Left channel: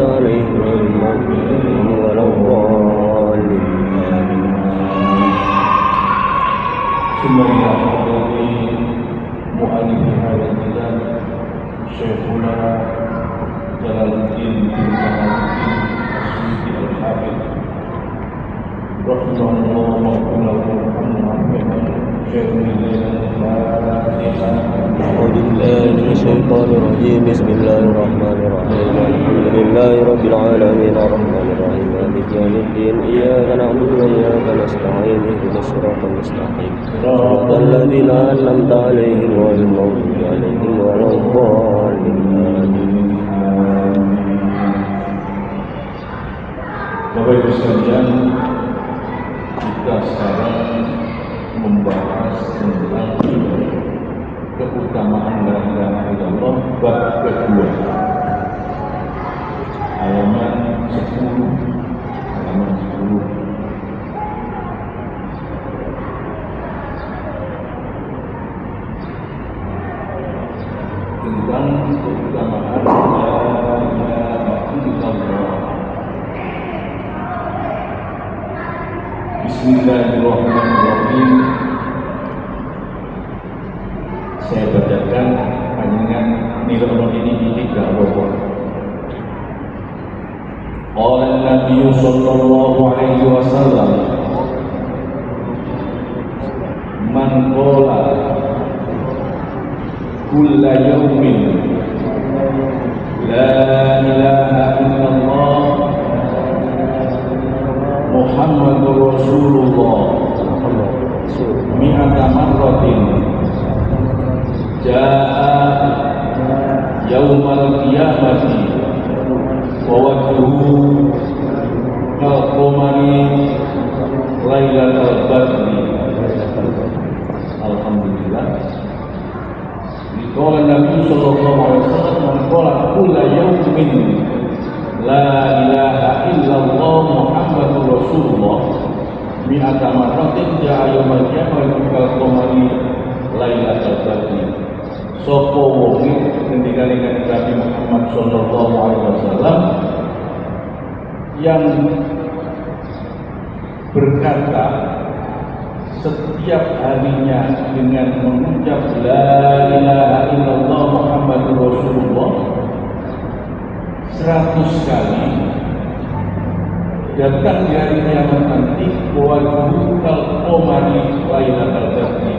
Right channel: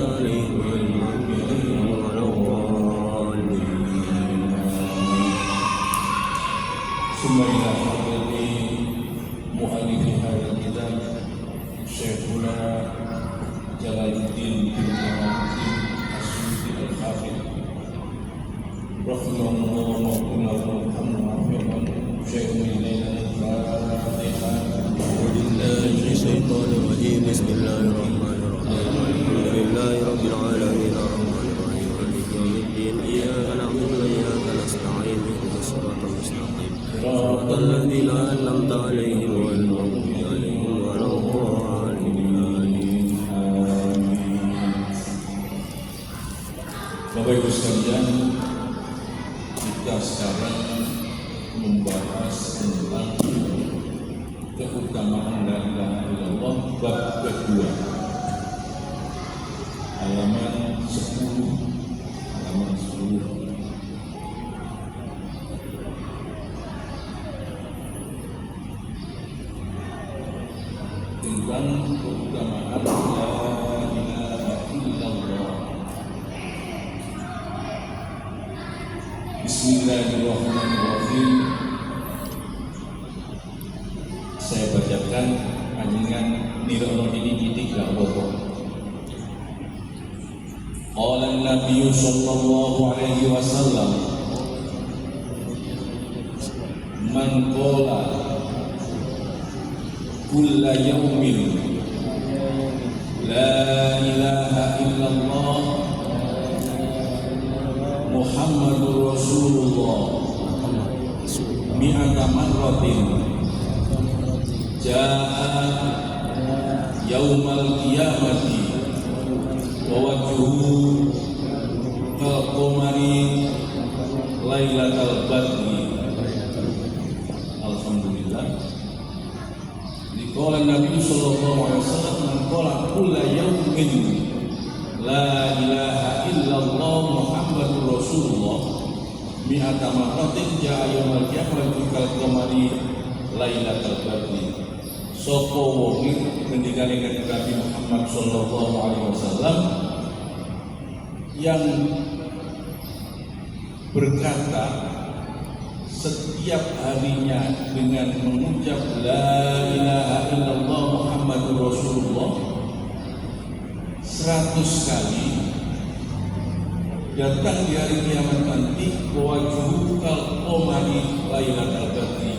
أنعمت عليهم غير المغضوب عليهم ولا الضالين. ثم إلى حضرة مؤلف هذا الكتاب شيخنا جلال الدين بن كمال الدين السيوطي الحافظ رحمه الله وغفر له وارحمه شيخ الليل الفاتحة. أعوذ بالله من الشيطان الرجيم. بسم الله الرحمن الرحيم. الحمد لله رب العالمين الرحمن الرحيم مالك يوم الدين. إياك نعبد وإياك نستعين اهدنا الصراط المستقيم صراط الذين أنعمت عليهم غير المغضوب عليهم ولا الضالين. Bapak Ibu sekalian, kita sekarang membahas tentang keutamaan la ilaha illallah bab kedua, halaman 10. Tentang keutamaan la ilaha illallah. Bismillahirrahmanirrahim. Saya bacakan panjangan nilai ini tidak apa-apa. Qala an-nabiy sallallahu alaihi wasallam, man qala kulla yawmin la ilaha illallah Muhammadur Rasulullah mi'ata marratin jaa yaumal qiyamati wa wajhuhu kal qamari lailatal badri. Alhamdulillah. Qala Nabi sallallahu alaihi wasallam, man qala kulla yaumin la ilaha illallah Muhammadur Rasulullah mi'ata marratin jaa yaumal qiyamati kal qamari lailatal badri. Sapa wong ngendikane Nabi Muhammad sallallahu alaihi wasallam yang berkata setiap harinya dengan mengucap la ilaha illallah Muhammadur Rasulullah 100 kali, datang di hari kiamat nanti wajhu kal qamari lailatal badri,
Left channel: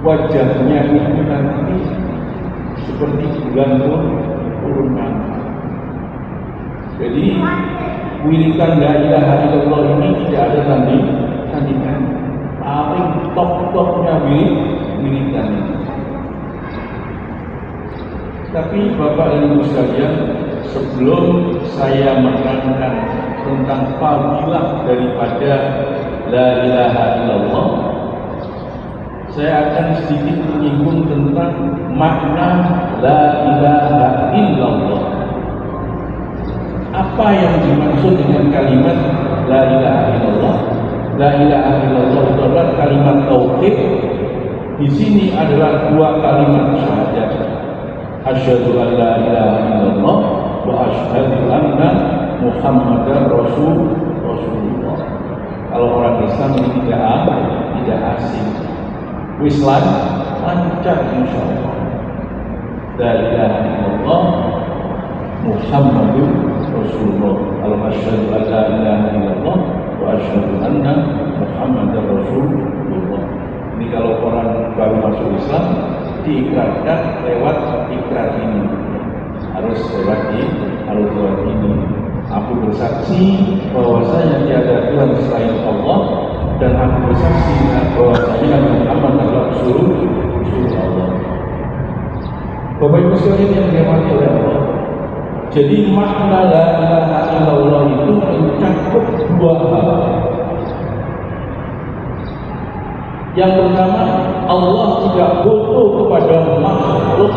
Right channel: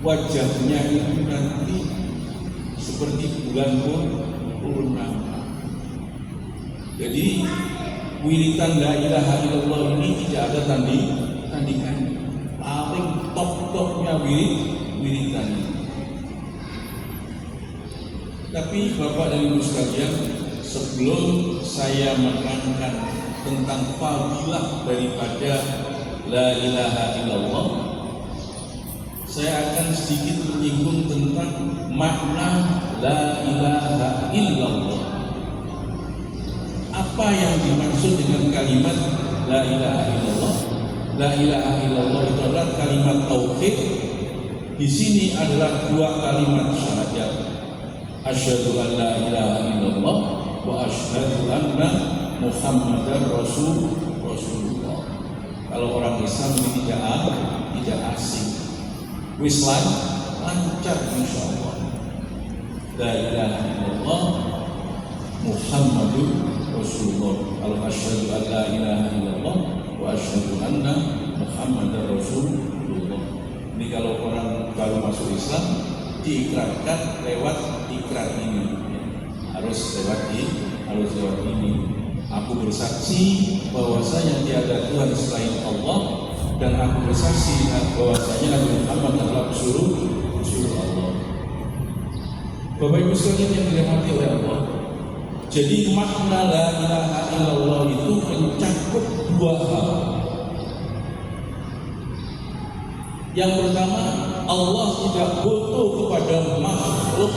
wajahnya itu nanti seperti bulan purnama. Jadi wiridan la ilaha illallah ini tidak ada tandingan. Paling top-topnya wiridan ini. Tapi Bapak dan Ibu sekalian, sebelum saya menerangkan tentang fadilah daripada la ilaha illallah, saya akan sedikit menyinggung tentang makna la ilaha illallah. Apa yang dimaksud dengan kalimat la ilaha illallah? La ilaha illallah itu adalah kalimat tauhid. Di sini adalah dua kalimat syahadat. Asyhadu an la ilaha illallah wa asyhadu anna Muhammadar Rasulullah. Kalau orang Islam ini tidak asing. Wislan lancar insyaallah. La ilaha illallah Muhammadur Rasulullah. Kalau asyhadu an la ilaha illallah wa asyhadu anna Muhammadar Rasulullah. Ini kalau orang baru masuk Islam diikrarkan lewat ikrar ini. Harus lewat ini. Aku bersaksi bahwasanya tiada Tuhan selain Allah, dan aku bersaksi bahwasanya Nabi Muhammad adalah Rasulullah Allah. Bapak Ibu sekalian yang dirahmati oleh Allah, jadi makna la ilaha illallah itu mencakup dua hal. Yang pertama, Allah tidak butuh kepada makhluk.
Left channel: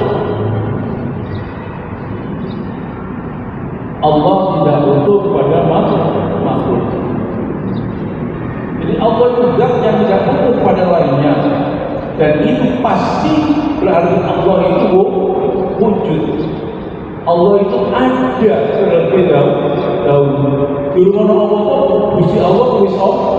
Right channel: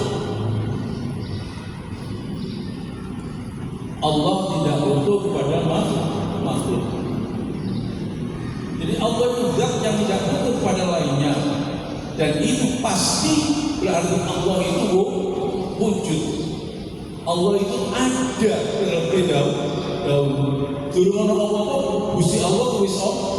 Allah tidak butuh kepada makhluk. Jadi Allah itu zat yang tidak butuh kepada lainnya, dan itu pasti berarti Allah itu wujud. Allah itu ada terlebih dahulu. Dulu ono apa-apa, Gusti Allah wis ono.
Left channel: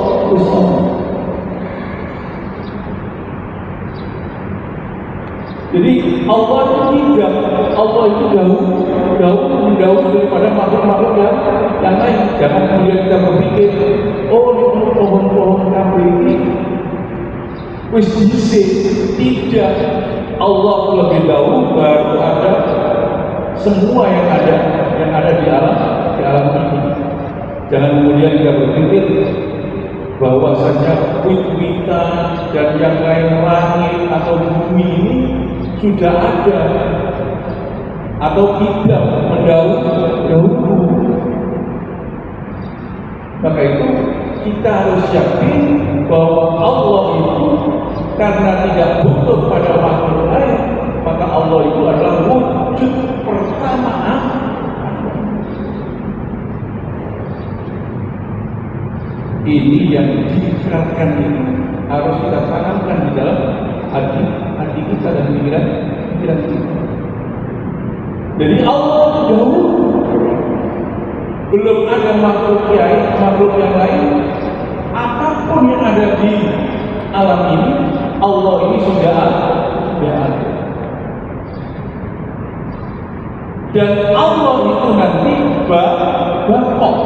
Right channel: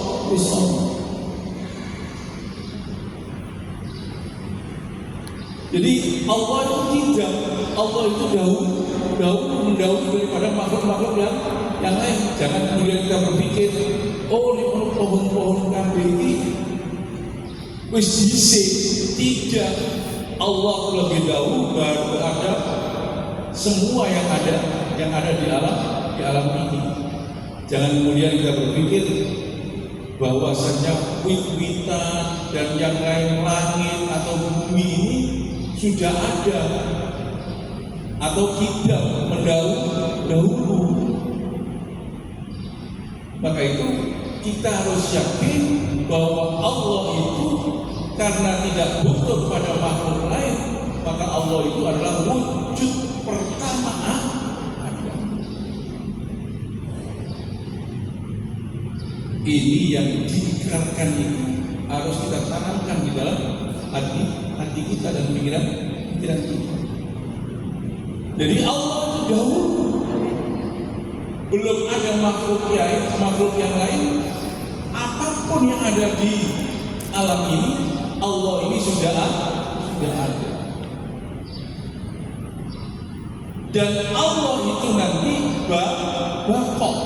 Jadi Allah itu tidak, Allah itu jauh daripada makhluk-makhluk yang lain. Jangan kemudian kita berpikir, oh ini pohon-pohon kabeh ini wis dhisik. Tidak, Allah lebih dahulu baru ada semua yang ada di alam ini. Jangan kemudian kita berpikir bahwasanya wit-witan dan yang lain langit atau bumi ini sudah ada atau tidak mendahulu. Maka itu kita harus yakin bahwa Allah itu karena tidak butuh pada makhluk lain, maka Allah itu adalah wujud pertama. Ini yang diikrarkan itu harus kita tanamkan di dalam hati kita dan pikiran kita. Jadi Allah itu dahulu, belum ada makhluk yang lain. Apapun yang ada di alam ini, Allah ini sudah ada. Dan Allah itu nanti bakal.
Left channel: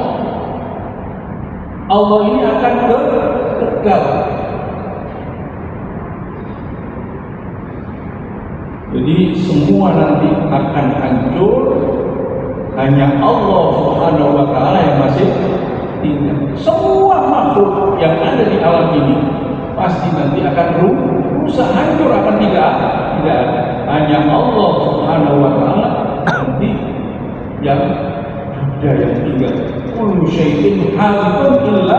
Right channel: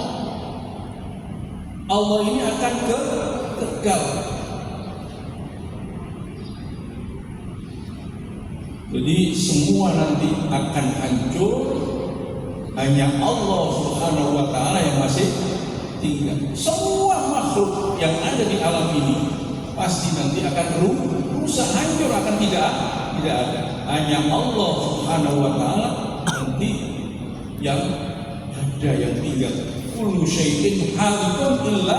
Allah ini akan kekal. Jadi semua nanti akan hancur, hanya Allah Subhanahu wa Ta'ala yang masih tinggal. Semua makhluk yang ada di alam ini pasti nanti akan rusak, hancur, akan tidak ada. Hanya Allah Subhanahu wa Ta'ala nanti yang ada, yang tinggal. Kullu syai'in halikun illa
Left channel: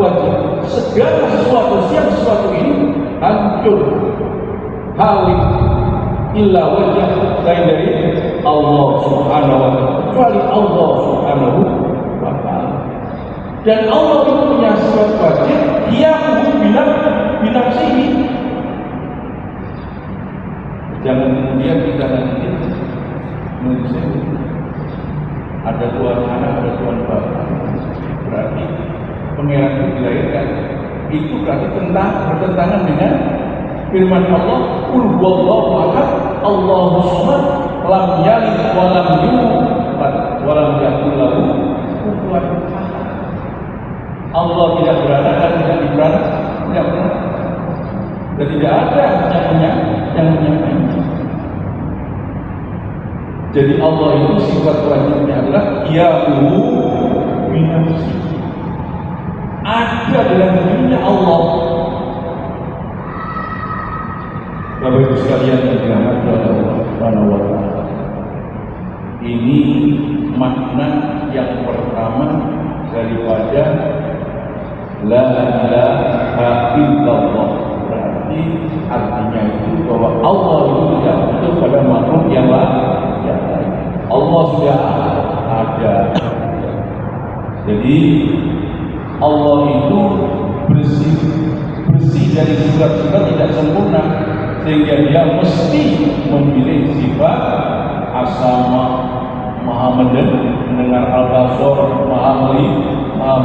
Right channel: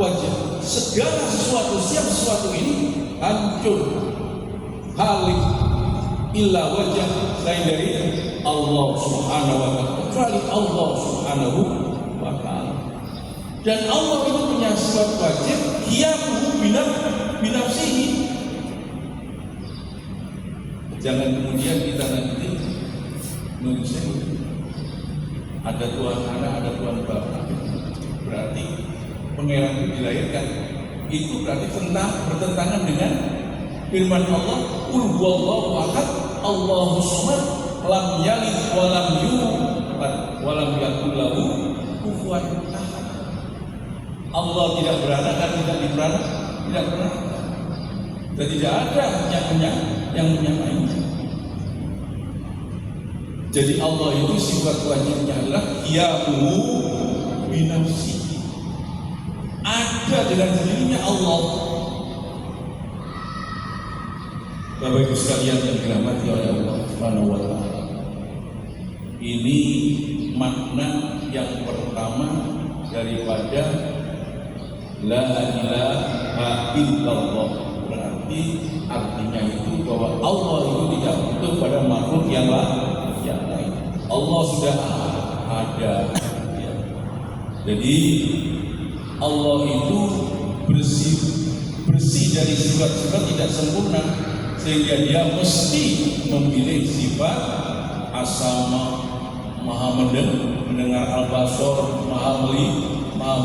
wajh. Segala sesuatu, setiap sesuatu ini hancur, halik illa wajh, selain dari Allah Subhanahu wa Ta'ala, kecuali Allah Subhanahu wa Ta'ala. Dan Allah itu punya sifat wajib yang binafsihi. Jangan kemudian kita nanti menuliskan ada Tuhan anak, ada Tuhan Bapa, berarti pangeran itu dilahirkan. Itu berarti bertentangan dengan firman Allah, Qul huwallahu ahad, Allahus samad, lam yalid wa lam yulad wa lam yakul lahu kufuwan ahad. Allah tidak beranak dan tidak diberanak, tidak pernah. Dan tidak ada yang punya. Jadi Allah itu sifat wajibnya adalah Yahu binafsi. Ada dalam dirinya Allah. Bapak Ibu sekalian yang dirahmati oleh Allah Subhanahu wa Ta'ala, ini makna yang pertama daripada La ilaha illallah. Berarti artinya itu bahwa Allah itu tidak butuh pada makhluk yang lain. Allah sudah ada. Jadi Allah itu bersih dari sifat-sifat tidak sempurna, sehingga dia mesti memilih sifat as-sama, maha mendengar al-basar, maha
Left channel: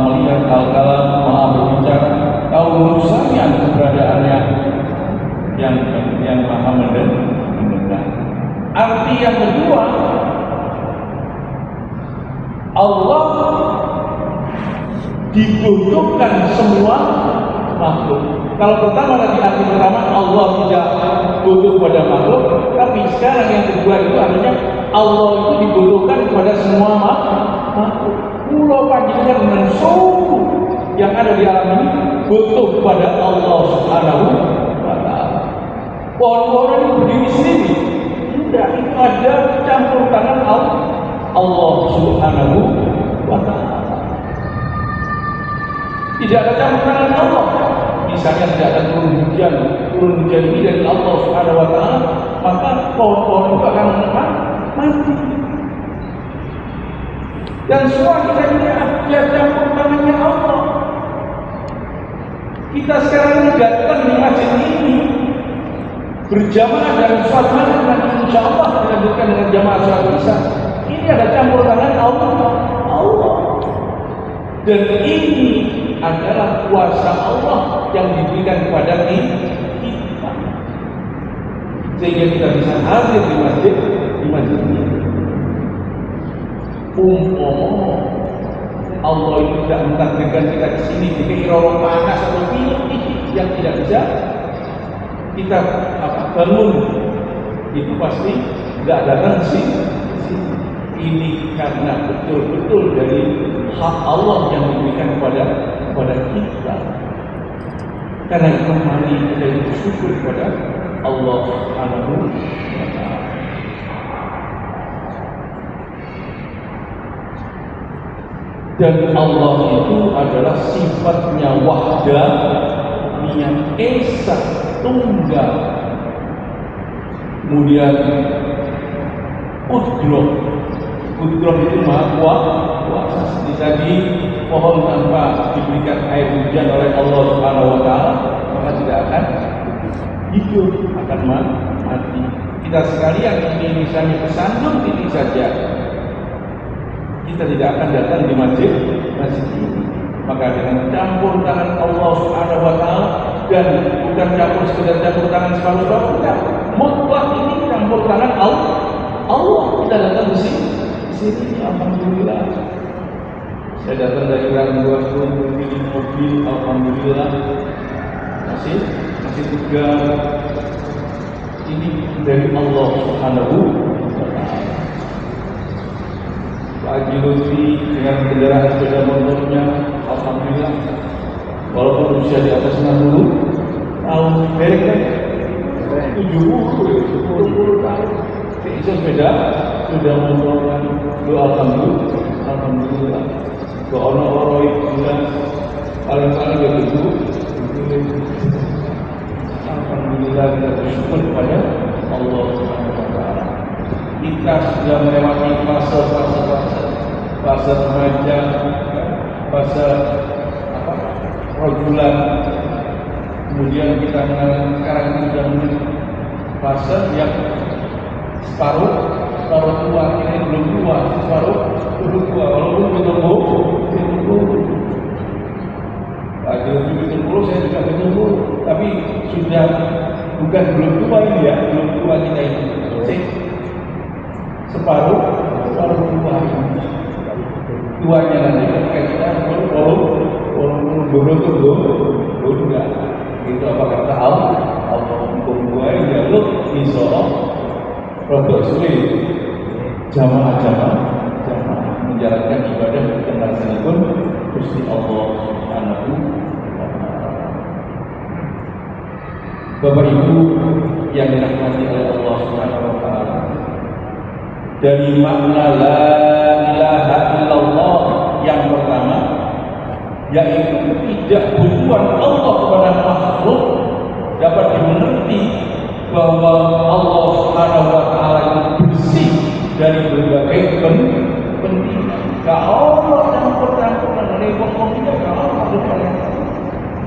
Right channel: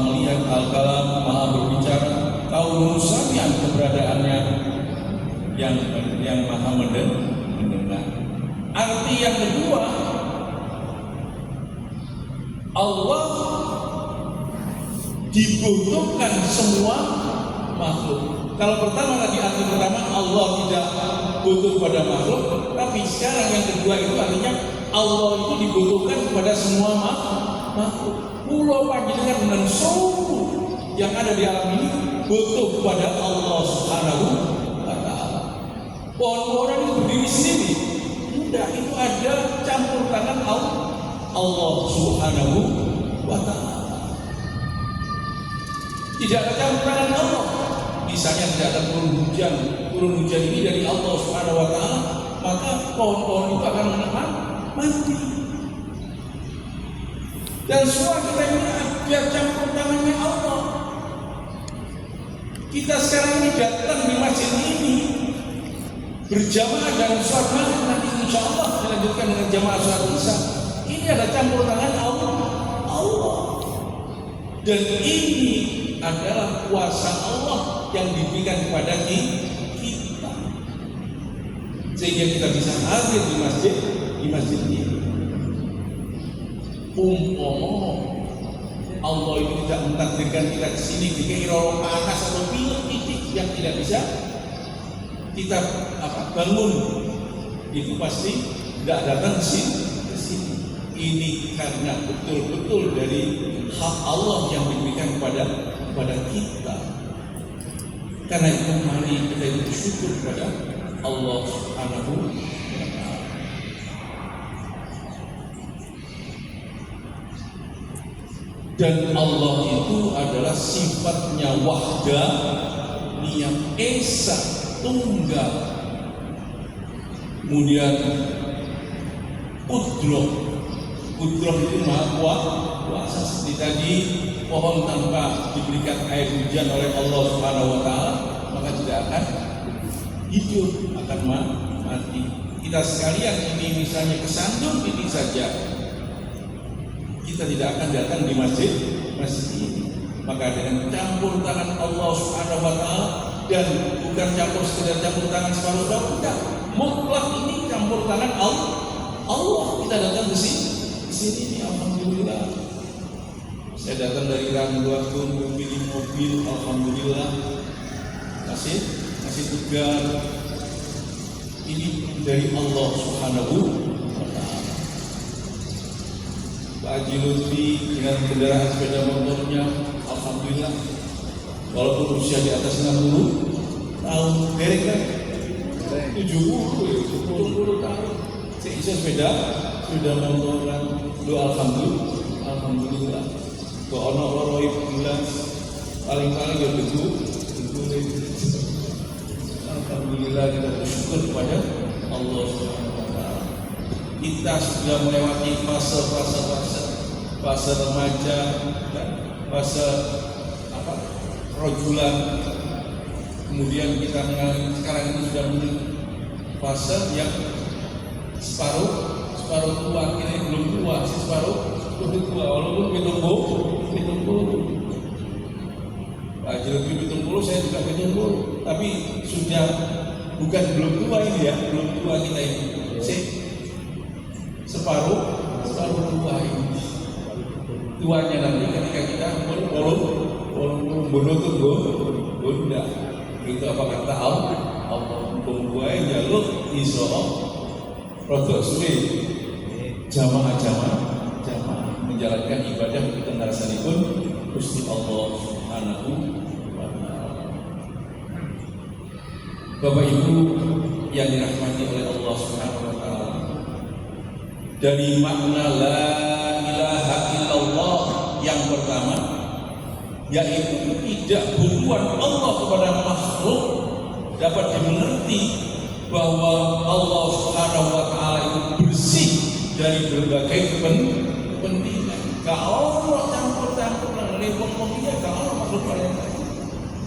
melihat al-kalam, maha berbicara, tahu urusannya keberadaannya yang maha mendengar. Arti yang kedua, Allah dibutuhkan semua makhluk. Kalau pertama tadi arti pertama Allah tidak butuh pada makhluk, tapi sekarang yang kedua itu artinya Allah itu dibutuhkan kepada semua makhluk. Pulau panjenengan dengan suku yang ada di alam ini butuh kepada Allah Subhanahu wa Ta'ala. Pohon-pohon itu berdiri sendiri? Tidak, itu ada campur tangan Allah Subhanahu wa Ta'ala. Tidak ada campur tangan Allah. Misalnya tidak ada turun hujan ini dari Allah Subhanahu wa Ta'ala, maka pohon-pohon itu akan mati. Dan semua kita ini ada campur tangannya Allah. Kita sekarang ini datang di masjid ini berjamaah dan sholat maghrib, nanti insya Allah dilanjutkan dengan jamaah sholat isya. Dan ini adalah kuasa Allah yang diberikan kepada kita, sehingga kita bisa hadir di masjid ini. Allah itu tidak mentakdirkan kita di sini dikira orang panas atau pilek yang tidak bisa kita bangun, itu pasti tidak datang di sini. Ini karena betul-betul dari hak Allah yang diberikan kepada kita. Karena itu mari kita bersyukur kepada Allah Subhanahu wa Ta'ala. Dan Allah itu adalah sifatnya wahdah, yang esa, tunggal. Kemudian Qudroh itu maha kuasa. Seperti tadi, pohon tanpa diberikan air hujan oleh Allah Subhanahu wa Ta'ala, maka tidak akan hidup, akan mati. Kita sekalian ini misalnya kesandung ini saja, kita tidak akan datang di masjid ini. Maka dengan campur tangan Allah Subhanahu wa Ta'ala, dan bukan sekedar campur tangan separuh-separuh, bukan, mutlak ini campur tangan Allah. Kita datang di sini. Alhamdulillah. Saya datang dari Rangguat pun memilih mobil, alhamdulillah. Masih tegar. Ini dari Allah Subhanahu wa Ta'ala. Pak Haji Lutfi dengan kendaraan sepeda motornya, alhamdulillah. Walaupun usia di atas 60 tahun, berek kan? 70 tahun. Seisa sepeda motoran, alhamdulillah. Gak ono orang jelas, paling-paling ya begitu. Alhamdulillah, kita bersyukur kepada Allah Subhanahu wa Ta'ala. Kita sudah melewati fase remaja, fase rojulan. Kemudian kita sekarang ini sudah mulai fase yang separuh tua, ini belum tua, separuh tua, walaupun ditunggu. Pak Haji ditunggu, saya juga ditunggu, tapi sudah bukan belum tua ini ya, belum tua kita ini. Separuh tua ini. Tuanya nanti ketika kita tunggu, udah. Itu apa kata Allah? Pembuai jaluk iso produk sulit. Jamaah menjalankan ibadah dengan pun Gusti Allah Subhanahu wa Ta'ala. Bapak Ibu yang dirahmati oleh Allah Subhanahu wa Ta'ala, dari makna la ilaha illallah yang pertama, yaitu tidak hubungan Allah kepada makhluk, dapat dimengerti bahwa Allah Subhanahu wa Ta'ala itu bersih dari berbagai kepentingan. Kalau Allah campur-campur dan repot kita, kalau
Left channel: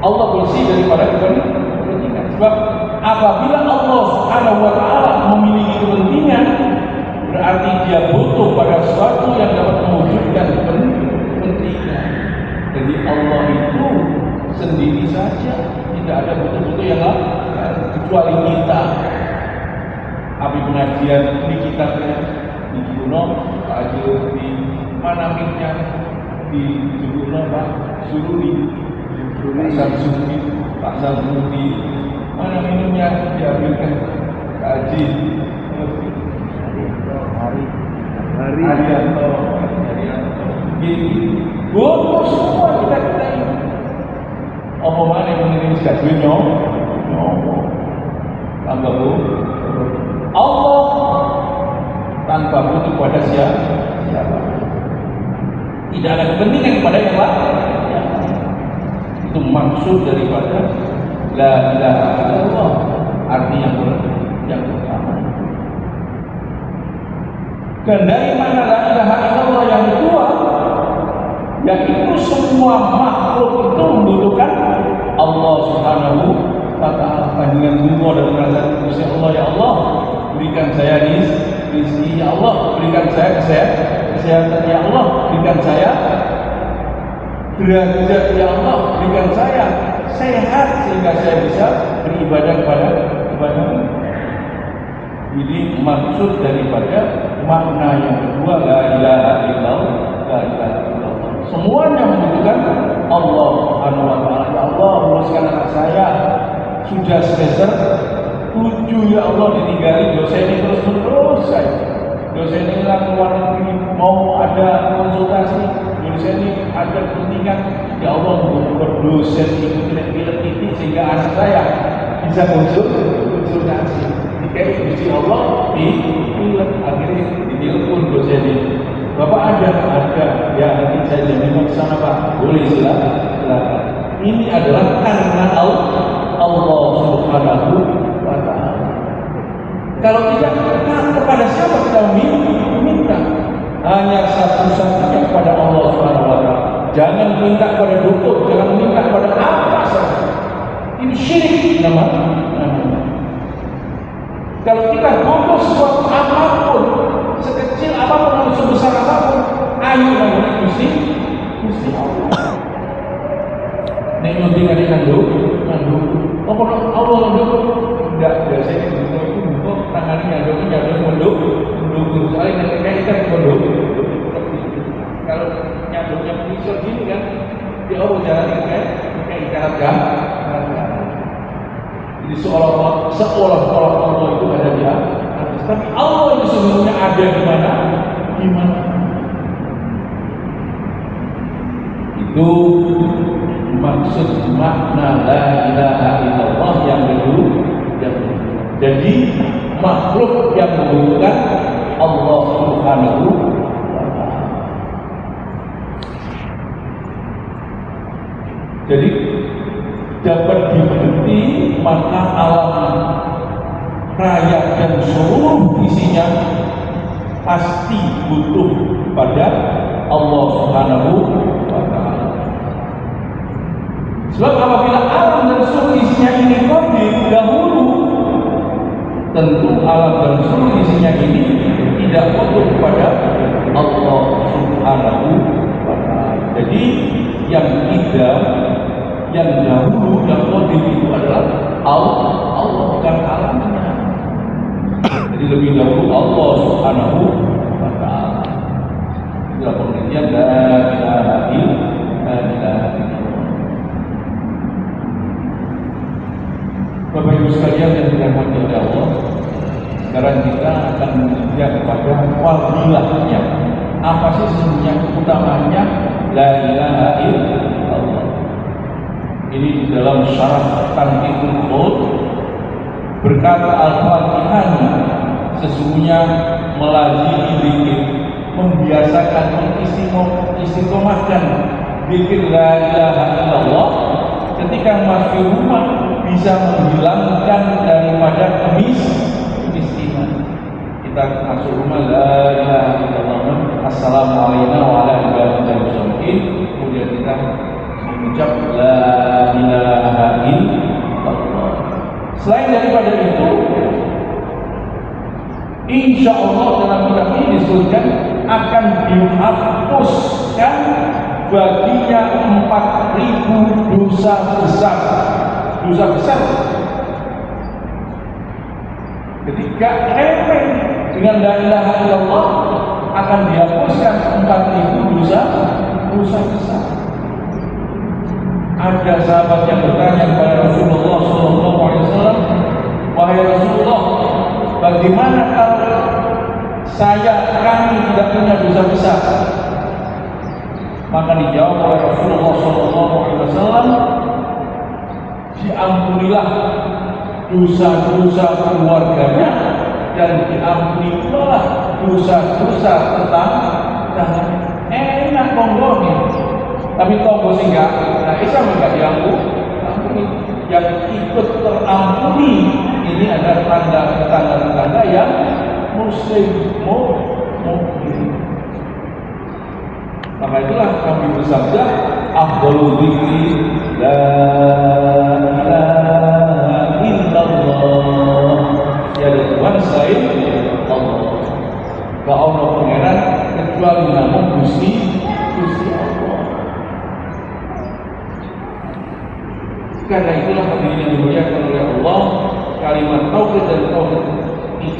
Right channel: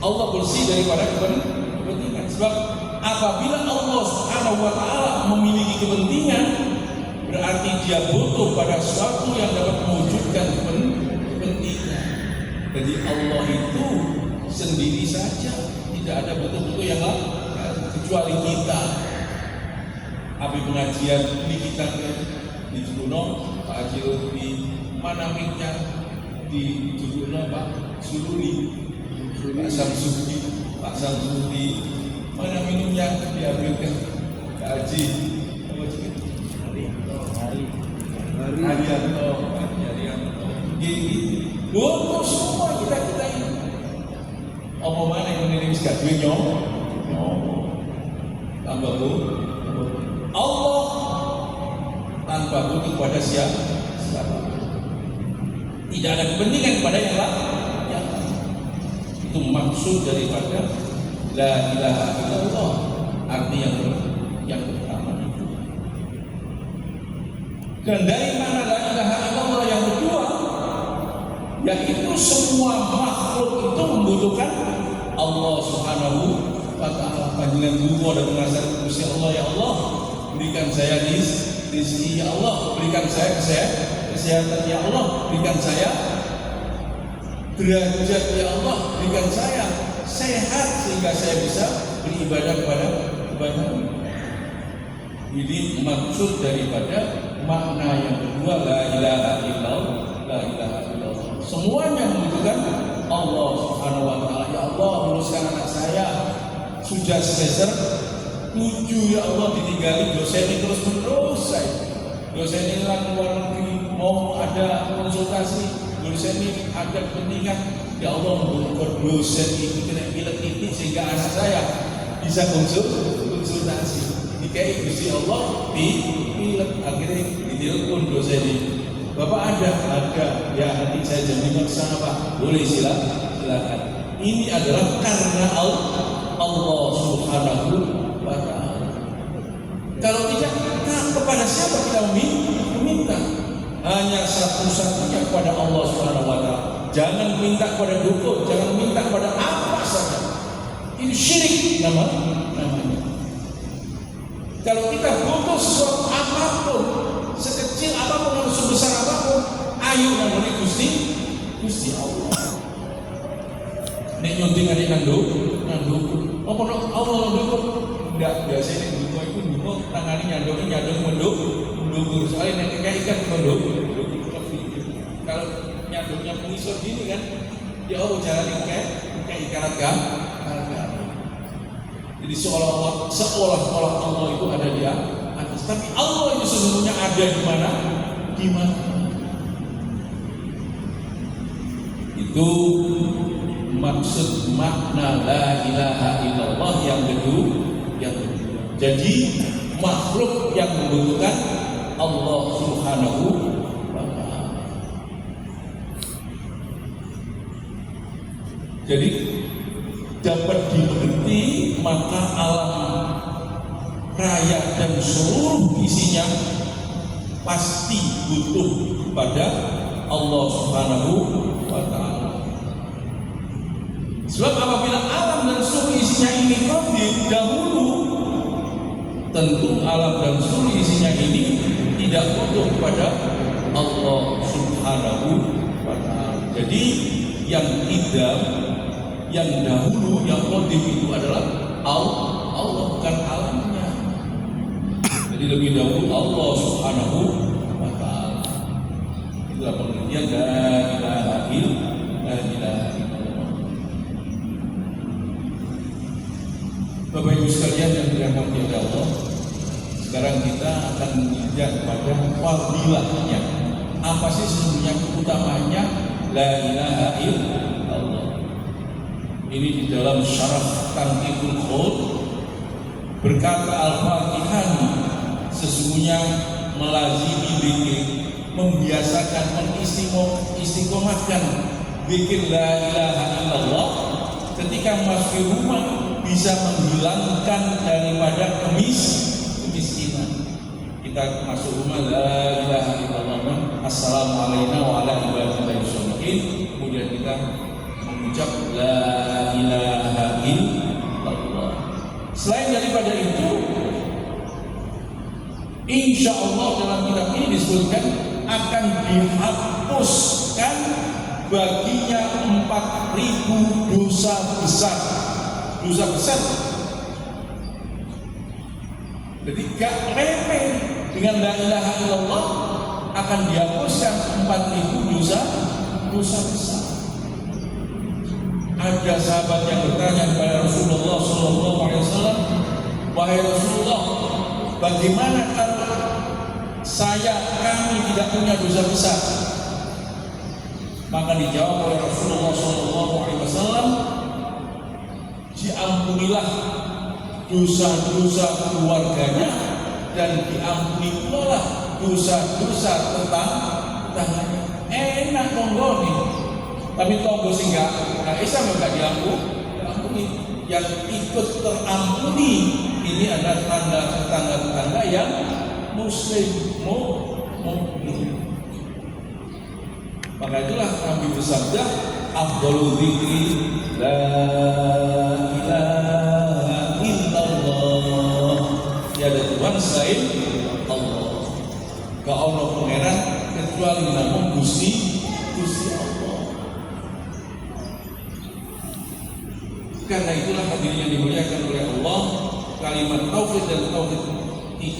Allah bersih daripada kepentingan. Sebab apabila Allah Subhanahu wa Ta'ala memiliki kepentingan, berarti dia butuh pada sesuatu yang dapat mewujudkan kepentingan. Jadi Allah itu sendiri saja, tidak ada betul-betul yang kecuali kita. Abi pengajian di kitabnya di Juno, Pak Haji Lutfi, mana miknya di Juno, Pak Suruli, Pak Samsudi, mana minumnya diambilkan Pak Haji Haryanto. Butuh semua kita ini. Apa mana yang mengirim sekadwin tambah bu Allah tanpa butuh pada siapa. Tidak ada kepentingan kepada yang lain. Itu maksud daripada la ilaha illallah, arti yang pertama. Dan dari mana la ilaha illallah yang kedua, yaitu semua makhluk itu membutuhkan Allah Subhanahu wa Ta'ala. Panjangan bunga dan merasa Gusti Allah, ya Allah berikan saya rizki, ya Allah berikan saya kesehatan, ya Allah berikan saya derajat ya Allah berikan saya sehat sehingga saya bisa beribadah kepada. Ini maksud daripada makna yang kedua, la ilaha illallah, la ilaha illallah. Semuanya membutuhkan Allah Subhanahu wa taala. Ya Allah, luruskan anak saya. Sudah semester 7 ya Allah, ditinggali dosen ini terus saja. Dosen ini hilang luar negeri, mau ada konsultasi, dosen ini ada kepentingan. Ya Allah, untuk dosen ini tidak pilih ini sehingga anak saya bisa konsultasi. Dikai Gusti Allah pilih, akhirnya ditelepon dosen ini. Bapak ada, ya nanti saya jadikan kesana Pak. Boleh silakan. Ini adalah karena Allah Subhanahu wa ta'ala. Kalau tidak, kepada siapa kita meminta? Hanya satu-satunya kepada Allah Subhanahu wa ta'ala. Jangan minta kepada dukun, jangan minta kepada apa saja. Ini syirik namanya. Kalau kita butuh sesuatu apapun, sekecil apapun atau sebesar apapun, ayo kepada Gusti Allah. Nek nyunting adik nanduk. Apa Allah nanduk? Tidak saya nanduk tangannya nyanduk menduk soalnya nek ikan menduk. Kalau nyanduknya misal gini kan, dia jalan kayak ikan Jadi seolah-olah Allah itu ada di atas, tapi Allah itu sebenarnya ada di mana? Itu maksud makna la ilaha illallah yang kedua. Jadi makhluk yang membutuhkan Allah Subhanahu wa ta'ala. Jadi dapat dimengerti maka alam raya dan seluruh isinya pasti butuh pada Allah Subhanahu wa ta'ala. Sebab apabila alam dan seluruh isinya ini qadir dahulu, tentu alam dan seluruh isinya ini tidak butuh kepada Allah Subhanahu wa ta'ala. Jadi yang dahulu yang qadir itu adalah Allah, bukan alamnya. Jadi lebih dahulu Allah Subhanahu wa ta'ala. Itulah pengertian la ilaha illallah. Bapak Ibu sekalian yang dirahmati oleh Allah, sekarang kita akan melihat kepada fadilahnya. Apa sih sebenarnya utamanya la ilaha illallah? Ini di dalam syarah Tanqihul Qaul berkata Al-Fatihah sesungguhnya melazimi zikir, membiasakan mengistiqomahkan zikir la ilaha illallah ketika masuk rumah bisa menghilangkan daripada kemiskinan. Kita masuk rumah la ilaha illallah, assalamualaikum warahmatullahi wabarakatuh, kemudian kita mengucap la ilaha illallah. Selain daripada itu, insya Allah dalam kitab ini disebutkan akan dihapuskan baginya 4.000 dosa besar. Ketika remeh dengan la ilaha illallah akan dihapuskan 4.000 dosa besar. Ada sahabat yang bertanya kepada Rasulullah SAW, wahai Rasulullah, bagaimana kalau kami tidak punya dosa besar? Maka dijawab oleh Rasulullah SAW, diampunilah dosa-dosa keluarganya dan diampunilah dosa-dosa tetangga. Enak ngomong nih, tapi tonggo sehingga Islam enggak diampuni. Yang ikut terampuni ini adalah tetangga-tetangga yang muslim, mukmin. Maka itulah kami bersabda, afdhalul dzikri la ilaha illallah. Tiada Tuhan selain Allah. Kau Allah pangeran kecuali namun Gusti Allah. Karena itulah hadirin yang dimuliakan oleh Allah, kalimat tauhid dan tauhid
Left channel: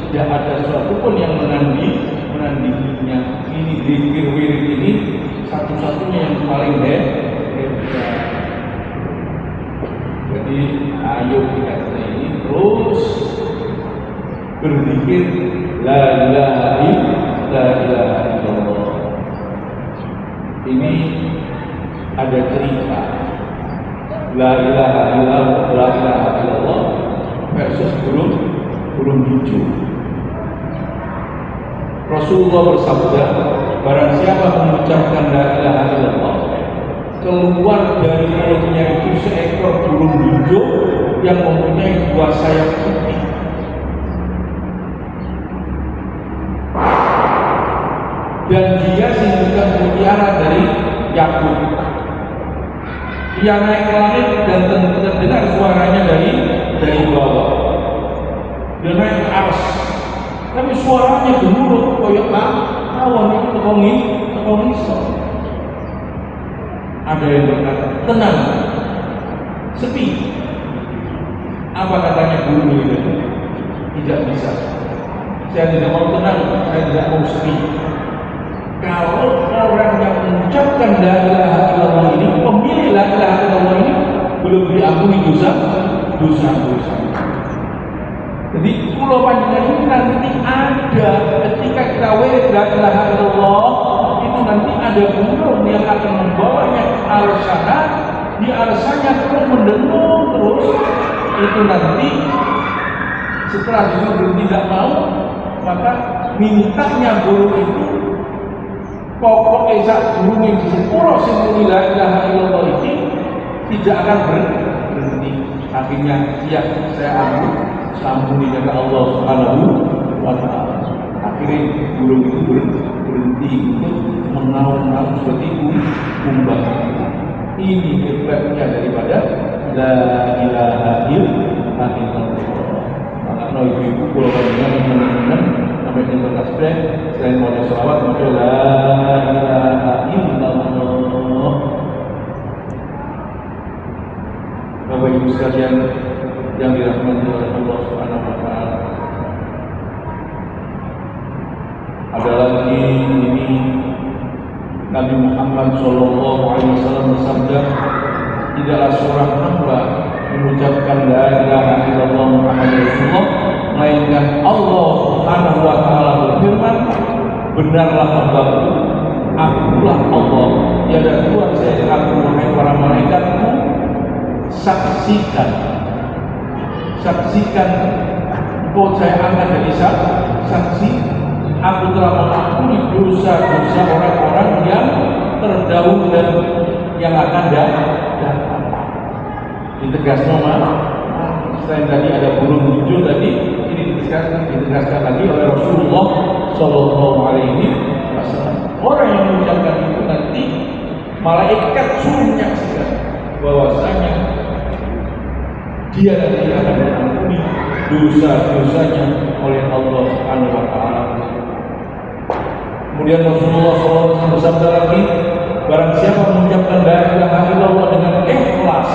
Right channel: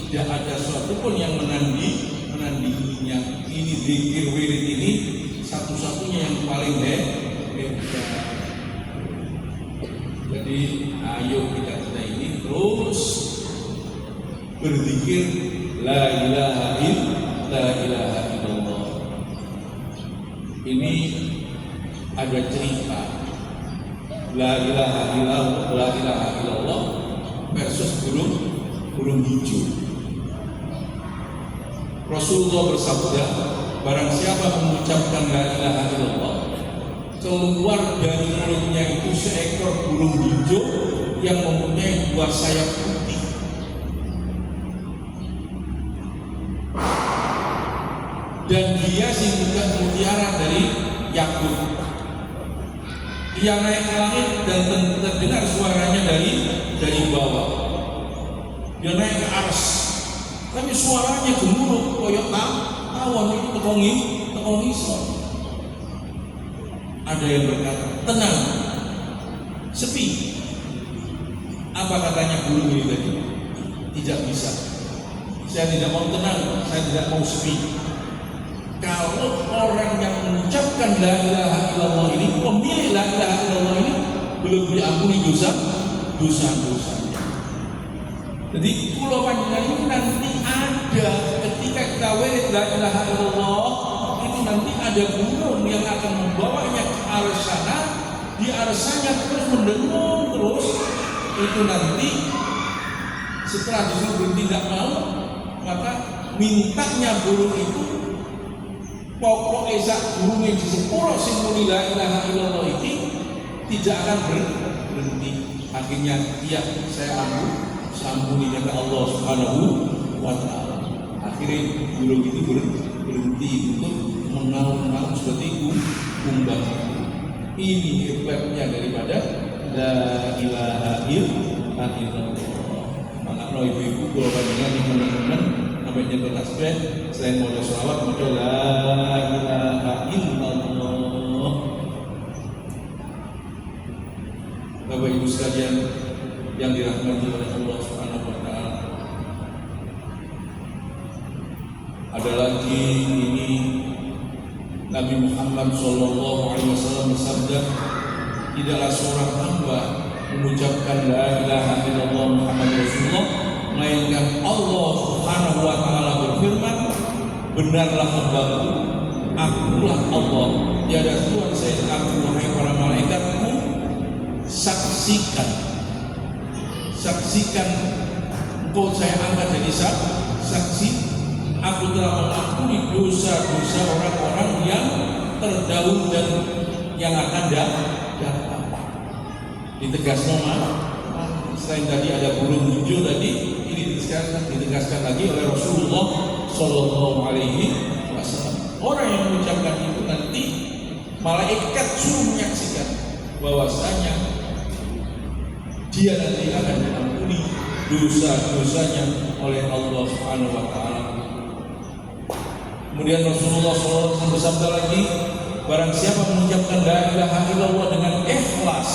tidak ada sesuatu pun yang menandinginya. Ini zikir wirid ini satu-satunya yang paling hebat. Jadi ayo kita ini terus berzikir la ilaha illallah. Ini ada cerita la ilaha illallah versus burung hijau. Rasulullah bersabda, barang siapa mengucapkan la ilaha illallah, keluar dari mulutnya itu seekor burung hijau yang mempunyai dua sayap putih. Dan dia simbukan mutiara dari yakut. Ia naik ke langit dan terdengar suaranya dari bawah. Dia naik ke atas, tapi suaranya gemuruh koyok awan itu ketongi so. Ada yang berkata, tenang, sepi. Apa katanya burung itu? Tidak bisa. Saya tidak mau tenang, saya tidak mau sepi. Kalau orang yang mengucapkan la ilaha illallah ini, pemilik la ilaha illallah ini belum diampuni dosa. Jadi pulau panjenengan ini nanti ada ketika kita wirid la ilaha illallah itu nanti ada burung yang akan membawanya ke arah sana, di arah sana terus mendengung terus. Itu nanti setelah disuruh tidak mau, maka mintanya burung itu pokoknya saat burung yang disepuluh semua la ilaha illallah ini tidak akan berhenti. Akhirnya ya saya ampuni ya Allah Subhanahu wa ta'ala. Akhirnya burung itu berhenti untuk mengaum seperti kumbang. Ini hebatnya daripada la ilaha illallah. Maka kalau ibu kalau teman-teman namanya bertasbih, selain mau sholawat, maka la ilaha illallah. Bapak Ibu sekalian yang dirahmati oleh Allah Subhanahu wa ta'ala, ada lagi ini Nabi Muhammad sallallahu alaihi wasallam bersabda, tidaklah seorang hamba mengucapkan la ilaha illallah Muhammad Rasulullah melainkan Allah Subhanahu wa ta'ala berfirman, benarlah hambaku, akulah Allah, tiada Tuhan selain aku, wahai para malaikatku, saksikan engkau saya angkat jadi saksi, aku telah mengampuni dosa-dosa orang-orang yang terdahulu dan yang akan datang. Ditegaskan selain tadi ada burung hijau tadi, ini ditegaskan lagi oleh Rasulullah Sallallahu Alaihi Wasallam. Orang yang mengucapkan itu nanti malaikat suruh menyaksikan bahwasanya dia nanti akan diampuni dosa-dosanya oleh Allah Subhanahu Wa Taala. Kemudian Rasulullah SAW bersabda lagi, barang siapa mengucapkan la ilaha illallah dengan ikhlas,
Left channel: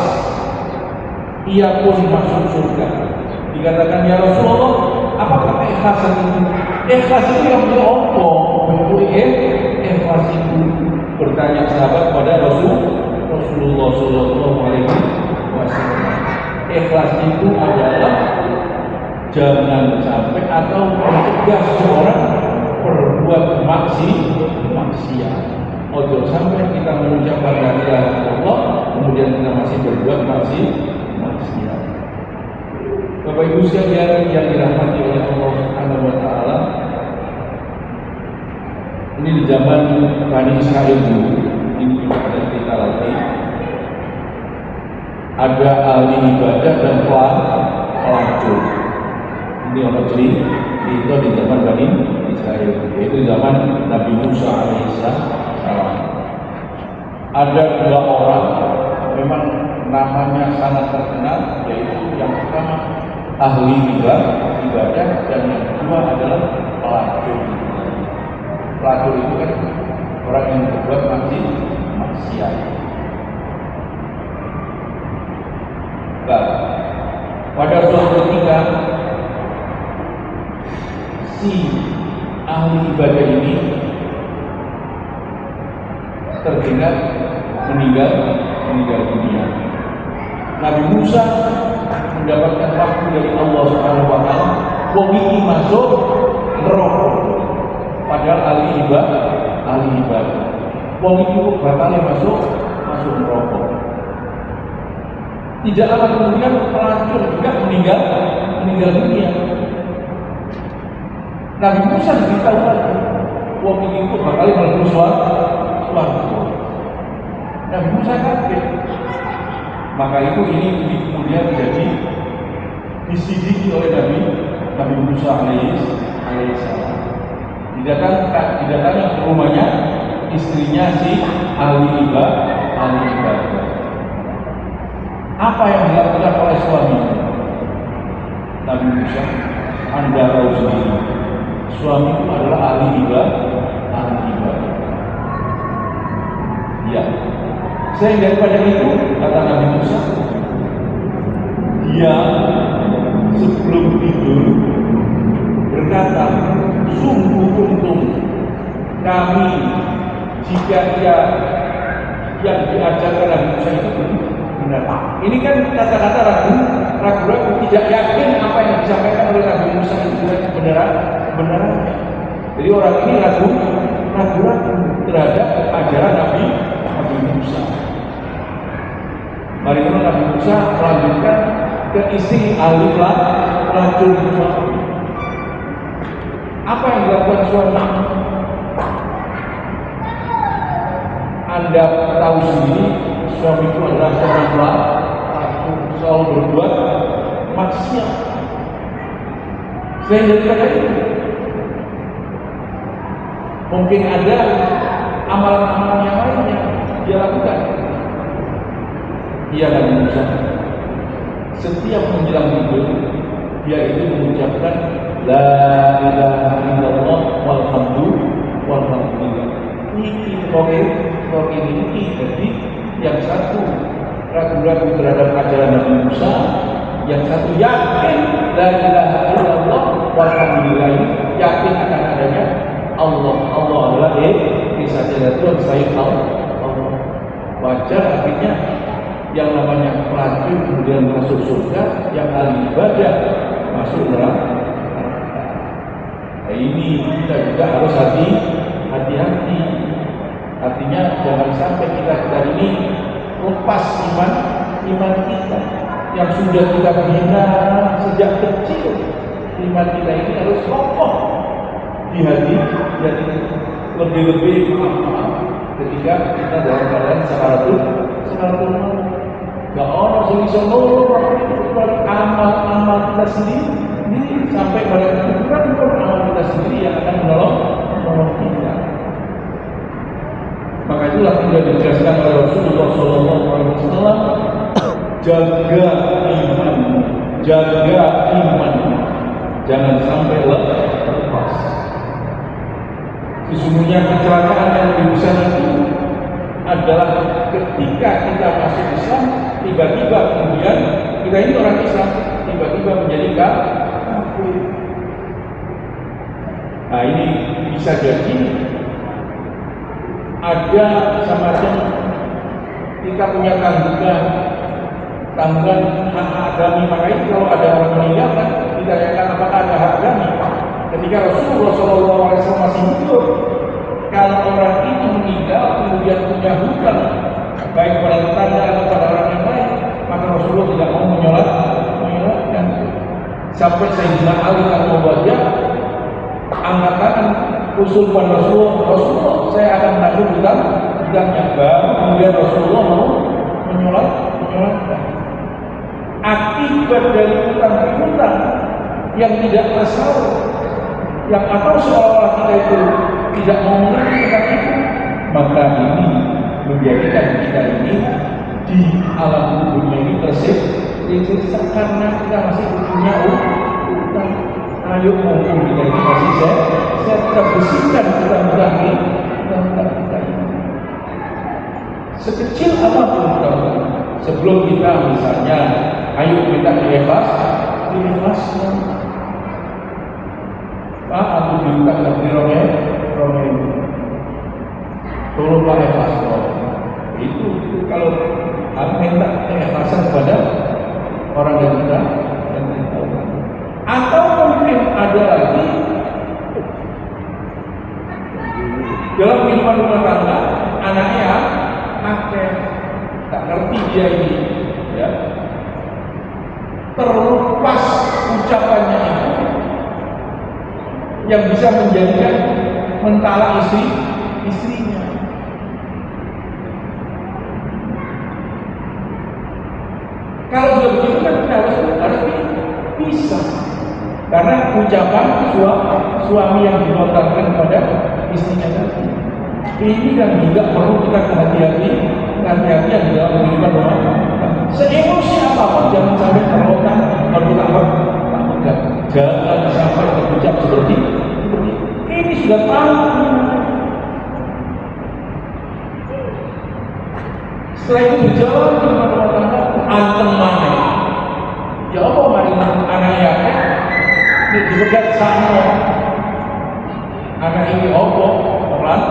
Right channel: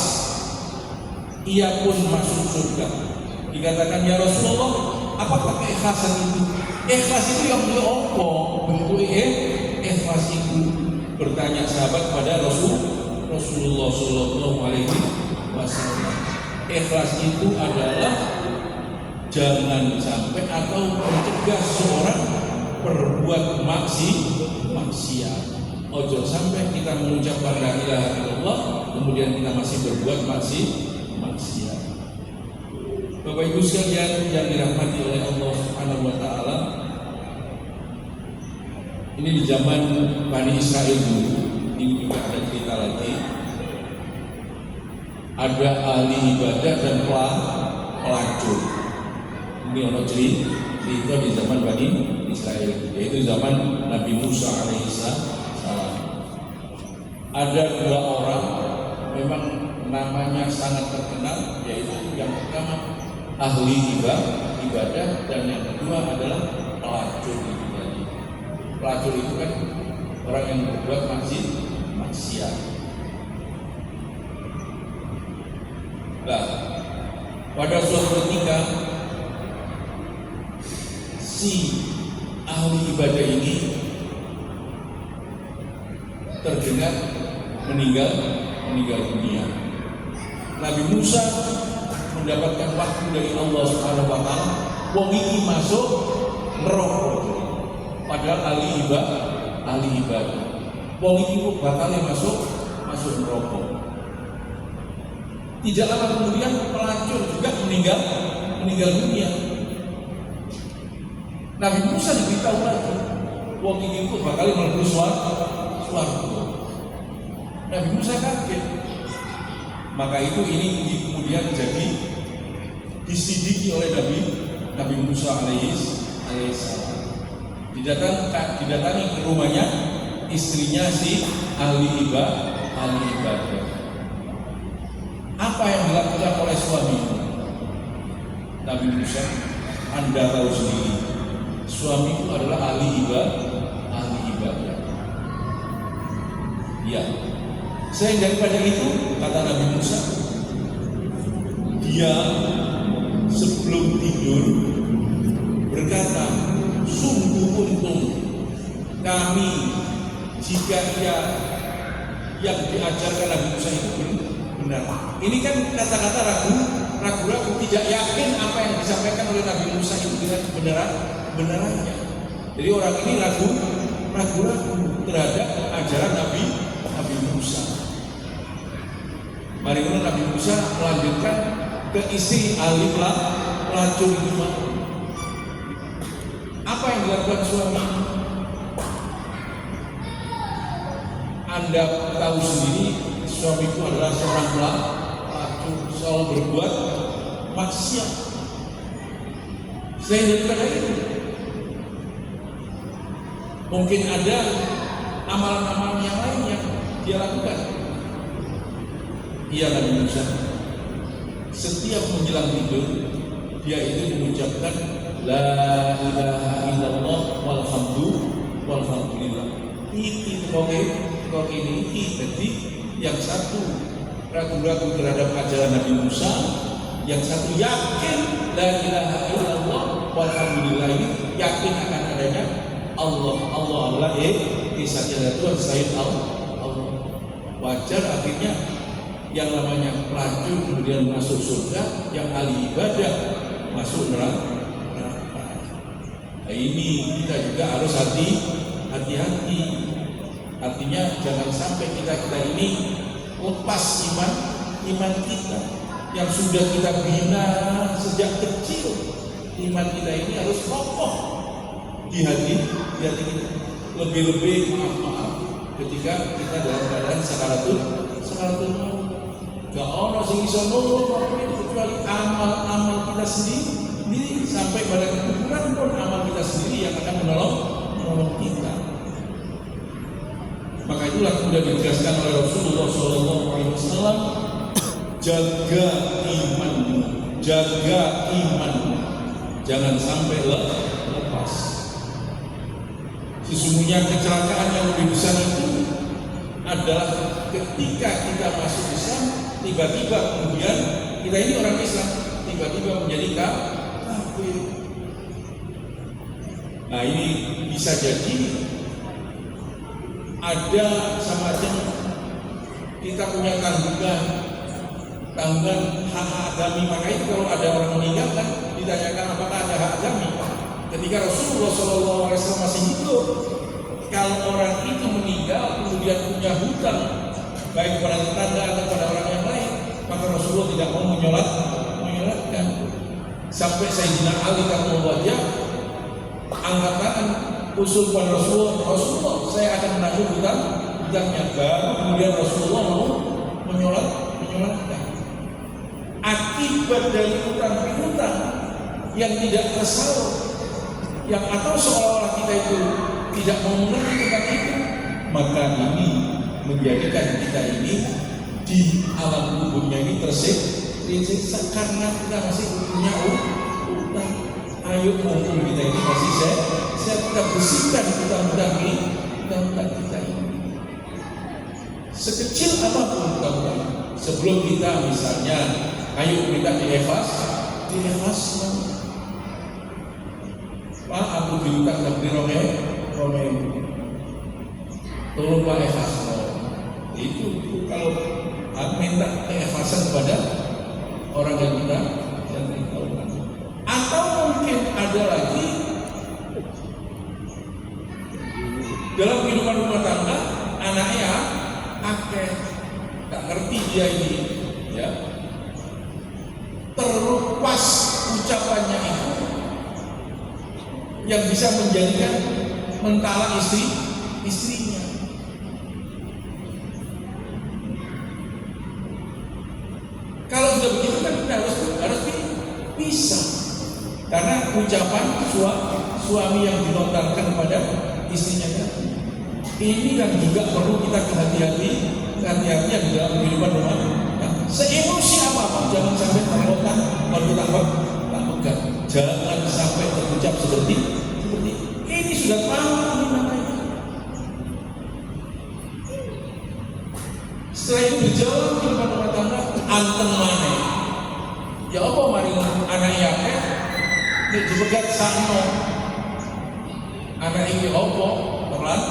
ia pun masuk surga. Dikatakan, ya Rasulullah, apakah ikhlasan itu? Ikhlas itu yang diomong, bentuk ikhlas itu. Bertanya sahabat pada Rasulullah Sallallahu Alaihi Wasallam. Ikhlas itu adalah jangan sampai atau mencegah seorang berbuat maksiat. Ojo sampai kita mengucapkan la ilaha illallah kemudian kita masih berbuat maksiat. Bapak Ibu sekalian yang dirahmati oleh Allah Subhanahu wa taala, ini di zaman Bani Israil dulu, ini ada cerita lagi. Ada ahli ibadah dan pelacur. Ini orang cerita di zaman Bani Israil, yaitu zaman Nabi Musa alaihissalam. Ada dua orang memang namanya sangat terkenal, yaitu yang pertama ahli ibadah dan yang kedua adalah pelacur. Pelacur itu kan orang yang berbuat maksiat. dengan meninggal dunia. Nabi Musa mendapatkan waktu dari Allah Subhanahu wa taala, wong iki masuk neraka. Padahal ahli ibadah. Wong iki bakal masuk neraka. Tidak lama kemudian pelacur juga meninggal dunia. Nabi Musa diberitahu lagi, wong iki bakal mlebu swarga. Nabi Musa kaget. Maka ini kemudian jadi disidiki oleh Nabi Musa alaihissalam. Didatangi ke rumahnya istrinya si ahli ibadah. Apa yang dilakukan oleh suaminya? Nabi Musa, Anda tahu sendiri, suamiku adalah ahli ibadah. Ya, selain daripada itu, kata Nabi Musa, dia sebelum tidur berkata, sungguh untung kami jika dia yang diajarkan Nabi Musa itu benar. Ini kan kata-kata ragu, tidak yakin apa yang disampaikan oleh Nabi Musa itu kebenarannya. Jadi orang ini ragu terhadap ajaran Nabi Musa. Mari kita Nabi Musa melanjutkan ke istri ahli pelacur. Apa yang dilakukan suami? Anda tahu sendiri, suamiku adalah seorang pelacur, selalu berbuat maksiat. Saya jadikan itu. Mungkin ada amalan-amalan yang lainnya dia lakukan. Iya Nabi Musa, setiap menjelang tidur dia itu mengucapkan la ilaha illallah walhamdulillah. Iki ini jadi yang satu ragu-ragu terhadap ajaran Nabi Musa, yang satu yakin la ilaha illallah walhamdulillah, ini yakin akan adanya Allah adalah saja Tuhan selain Allah. Wajar akhirnya yang namanya pelacur kemudian masuk surga, yang ahli ibadah masuk neraka. Nah, ini kita juga harus hati-hati. Artinya jangan sampai kita ini lepas iman kita yang sudah kita bina sejak kecil. Iman kita ini harus kokoh di hati. Lebih-lebih maaf ketika kita dalam keadaan sakaratul maut. Gak ono sing iso nolong kecuali amal kita sendiri sampai pada kuburan amal kita sendiri yang akan menolong kita. Maka itulah kemudian dijelaskan oleh Rasulullah SAW, jaga imanmu, jangan sampai lepas. Sesungguhnya kecelakaan yang lebih besar itu adalah ketika kita masuk Islam, tiba-tiba kemudian kita ini orang Islam, tiba-tiba menjadi kafir. Nah ini bisa jadi ada semacam kita punya tanggungan hak agami. Makanya kalau ada orang meninggal kan ditanyakan apakah ada hak agami. Ketika Rasulullah SAW masih hidup, kalau orang itu meninggal kemudian punya hutang baik pada tetangga atau pada orang yang lain, maka Rasulullah tidak mau menyolatkan. Sampai Sayyidina Ali Al-Mubarak angkat tangan usul pada Rasulullah, saya akan menagih hutangnya. Kemudian Rasulullah mau menyolatkan. Akibat dari hutang yang tidak tersaur, yang atau seolah-olah kita itu tidak mau mengerti tentang itu, maka ini menjadikan kita ini di alam kubur ini tersiksa karena kita masih punya utang. Ayo mumpung kita ini masih saya bersihkan utang-utang kita ini. Sekecil apapun utang, sebelum kita misalnya ayo kita dilefas. Pak, aku dibuka di Romeo. Tolong Pak Evas. kepada orang yang kita tahu. Atau mungkin ada lagi dalam kehidupan rumah tangga, anaknya akeh, tak ngerti dia ini, ya, terlepas ucapannya itu yang bisa menjadikan mentala istrinya. Kalau sudah begitu kan kita harus bisa, karena ucapan suami yang dilontarkan kepada istrinya tadi. Ini yang juga perlu kita hati-hatian di dalam kehidupan rumah tangga. Seemosi apapun jangan sampai terlontar berutama tak pegang. Jangan sampai terucap seperti ini. Sudah paham. Setelah itu berjalan di rumah tangga, anteng mana? Ya apa mari anak ya? Dia juga sana. Anak ini apa? Pelan.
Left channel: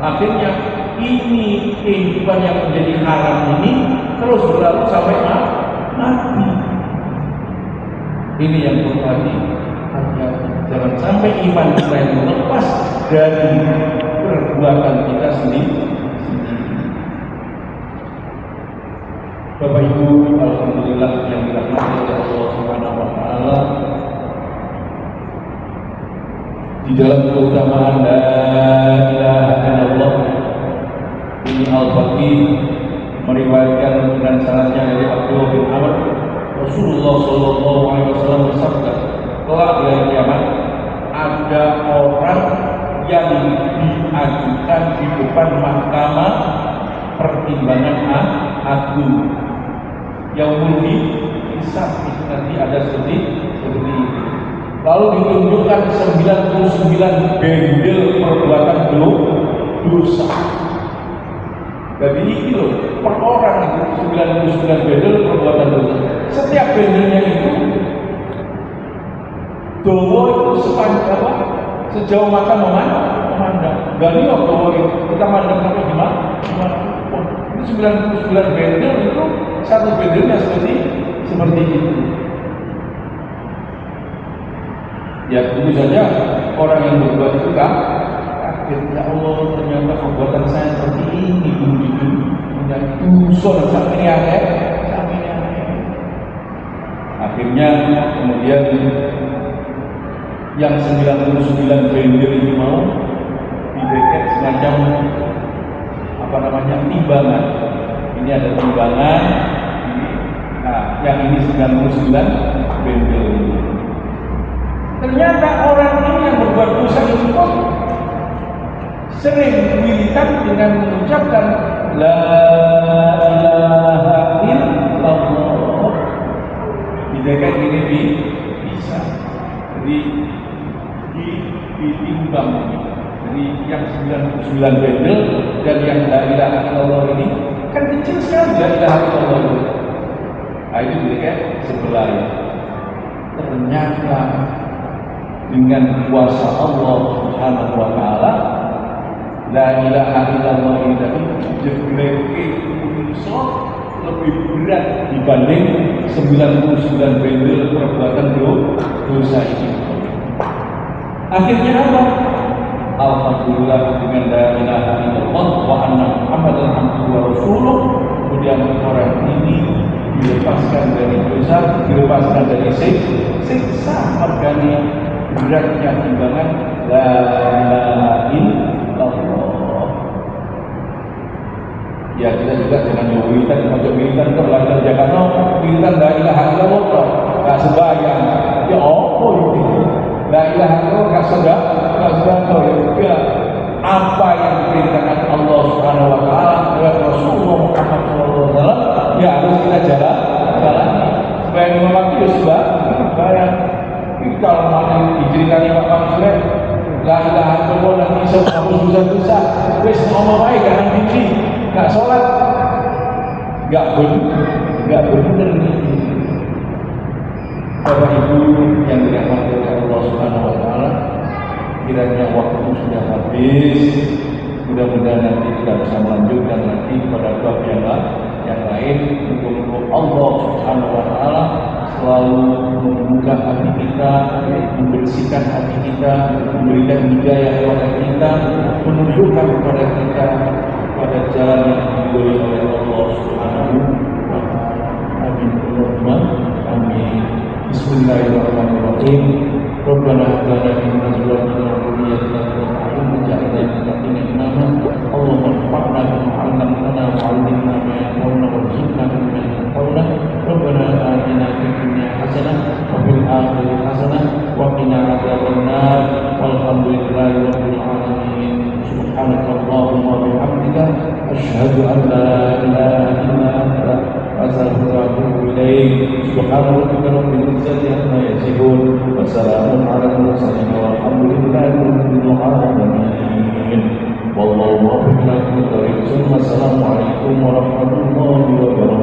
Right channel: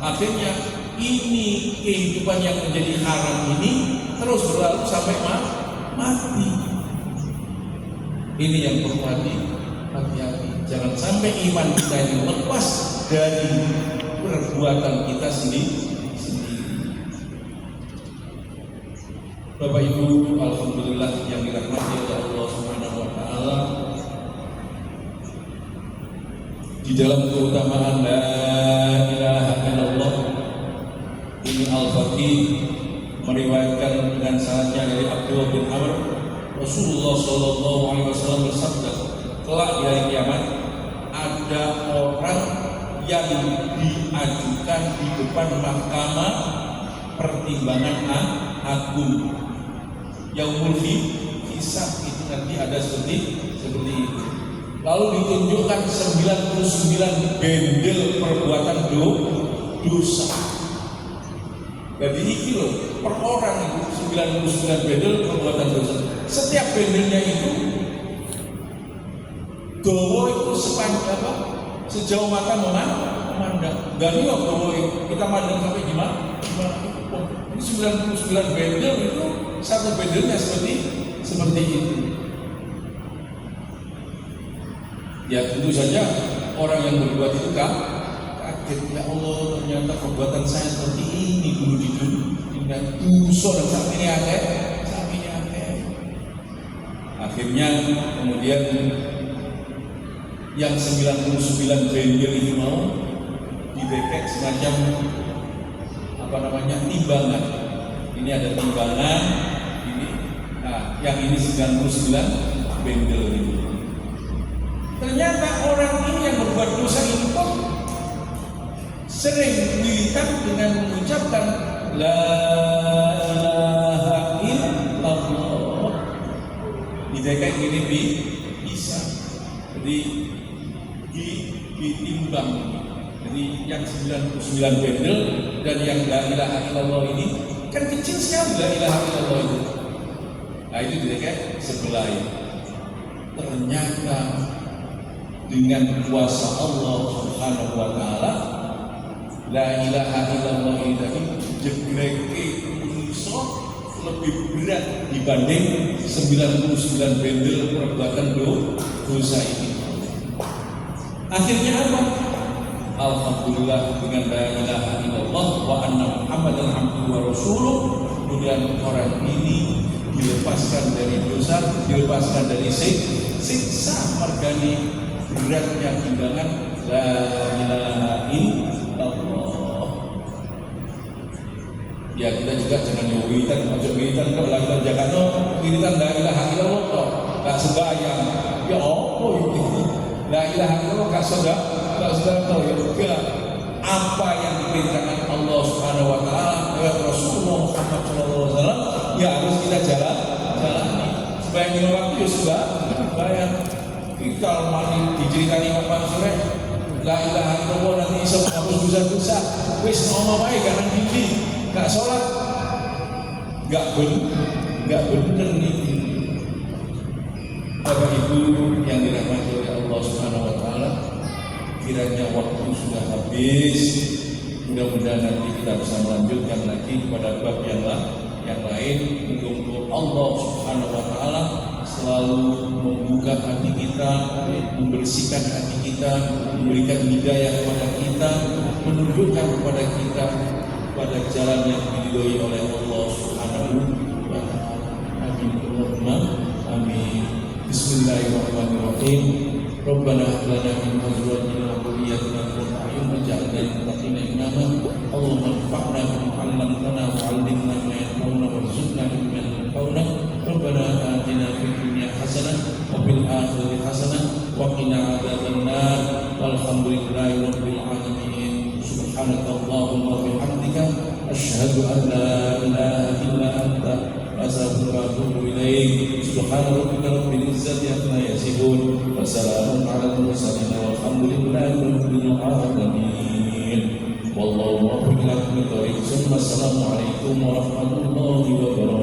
Akhirnya ini kehidupan yang menjadi haram ini terus berlalu sampai mati. Ini yang perlu hati-hati. Jangan sampai iman kita itu lepas dari perbuatan kita sendiri. Bapak Ibu, alhamdulillah yang dirahmati oleh Allah Subhanahu wa taala. Di dalam keutamaan la ilaha illallah, ini Al-Faqih meriwayatkan dengan sanadnya dari Abdullah bin Amr, Rasulullah sallallahu alaihi wasallam bersabda, kelak di hari kiamat ada orang yang diajukan di depan mahkamah pertimbangan agung. Yaumul hisab, nanti ada seperti ini. Lalu ditunjukkan 99 bendel perbuatan dosa. Jadi ini loh, per orang itu 99 bendel perbuatan dosa. Setiap bendelnya itu doa itu sepanjang apa? Sejauh mata memandang. Gak lihat doa itu, kita mandang sampai gimana? Ini 99 bendel itu satu bendelnya seperti itu. Ya tentu saja orang yang berbuat itu kaget, ya Allah ternyata perbuatan saya seperti ini dulu di dunia, dosa sampai aneh. Akhirnya kemudian yang 99 bendel itu mau dideket semacam timbangan. Ini ada timbangan, ini, nah yang ini 99 bendel ini. Ternyata orang ini yang berbuat dosa itu kok sering militan dengan mengucapkan la ilaha illallah. Dijaga ini bisa. Jadi ditimbang. Jadi yang 99 bendel dan yang la ilaha illallah ini kan kecil sekali la ilaha illallah itu. Nah itu dijaga sebelah ya. Ternyata dengan kuasa Allah Subhanahu wa taala la ilaha illallah itu jegreke unsur lebih berat dibanding 99 bendel perbuatan dosa ini. Akhirnya apa? Alhamdulillah dengan la ilaha illallah wa anna Muhammadan abduhu wa rasuluh, kemudian orang ini dilepaskan dari dosa, dilepaskan dari siksa margani beratnya timbangan la ilaha illallah. Ya kita juga jangan nyobitan, macam militan kan lahir Jakarta, militan la ilaha illallah, tak sembahyang. Ya apa itu? La ilaha illallah tak sedekah, ya. Apa yang diperintahkan Allah Subhanahu wa taala lewat Rasulullah Muhammad SAW, ya harus kita jalan. Supaya lima waktu ya sembahyang. Kalau mana diceritanya Pak Mansur, la ilaha illallah dan bisa hapus dosa-dosa, wis ngomong baik karena tinggi, nggak sholat, nggak benar nih. Bapak Ibu yang dirahmati oleh Allah Subhanahu wa taala, kiranya waktu sudah habis. Mudah-mudahan nanti kita bisa melanjutkan lagi pada bab yang yang lain. Mudah-mudahan Allah Subhanahu wa taala selalu membuka hati kita, membersihkan hati kita, memberikan hidayah kepada kita, menunjukkan kepada kita pada jalan yang diridhoi oleh Allah Subhanahu wa taala. Amin. Allahumma amin. Bismillahirrahmanirrahim. Rabbana hab lana min azwajina wa dhurriyyatina qurrata a'yun waj'alna lil muttaqina imama. Allahumma anfa'na bima 'allamtana wa 'allimna ma yanfa'una warzuqna mimma yanfa'una. Rabbana atina fid dunya hasanah wa fil akhirati hasanah wa qina adzabannar. Walhamdulillahi rabbil alamin. Subhanakallahumma wa bihamdika asyhadu an la ilaha illa anta astaghfiruka wa atubu ilaik. Subhana rabbika rabbil izzati amma yasifun wa salamun 'alal mursalin walhamdulillahi rabbil alamin. Wallahu muwaffiq ila aqwamit thoriq. Wassalamu alaikum warahmatullahi wabarakatuh.